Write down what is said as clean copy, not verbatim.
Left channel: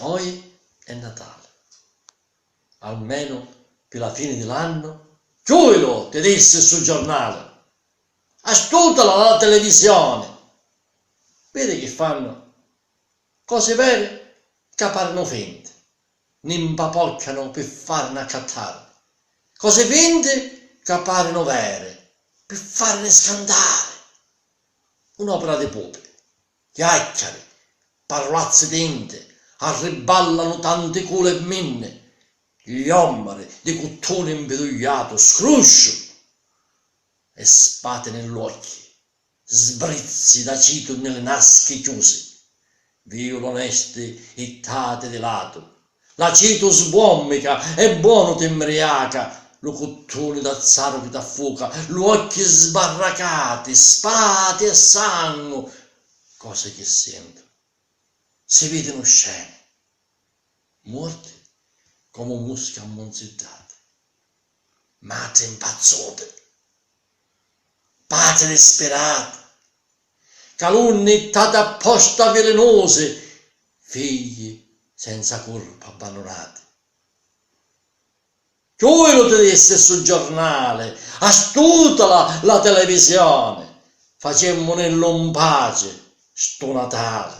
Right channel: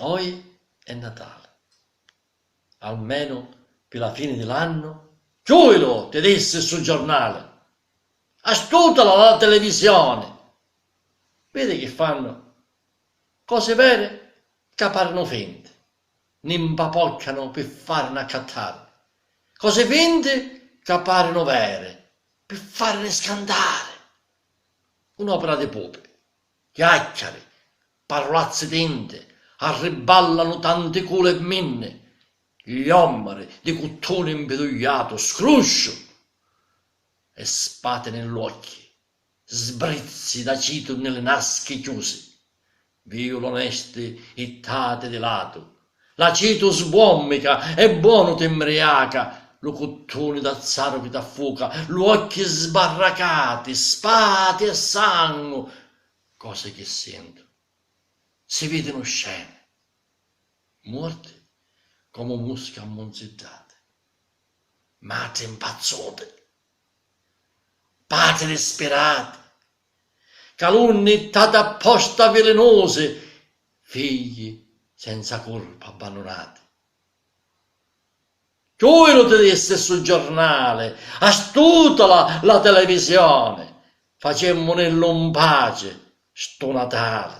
Poi è Natale. Almeno per la fine dell'anno, giuro, ti disse sul giornale. Astutala la televisione. Vedi che fanno cose vere che parano finte. Ne impapoccano per farne accattare. Cose finte che appaiono vere per farne scandare. Un'opera di pope, chiacchiere, parolazze tinte, arriballano tante cule e minne, gli omeri di cottone impedugliato, scruscio, e spate negli occhi, sbrizzi da cito nelle nasche chiuse, violo onesti ittate di lato, la cito sbommica e buono t'embriaca, lo cottone d'azzaro che t'affuoca, gli occhi sbarracati, spate e sangue, cose che sento. Si vedono scene, morte come mosche ammonzettate, madre impazzate, padri disperati, calunnie tate apposta velenose, figli senza colpa abbandonati. Tu lo ti disse sul giornale, astutala la televisione, facemmo nell'on pace sto Natale.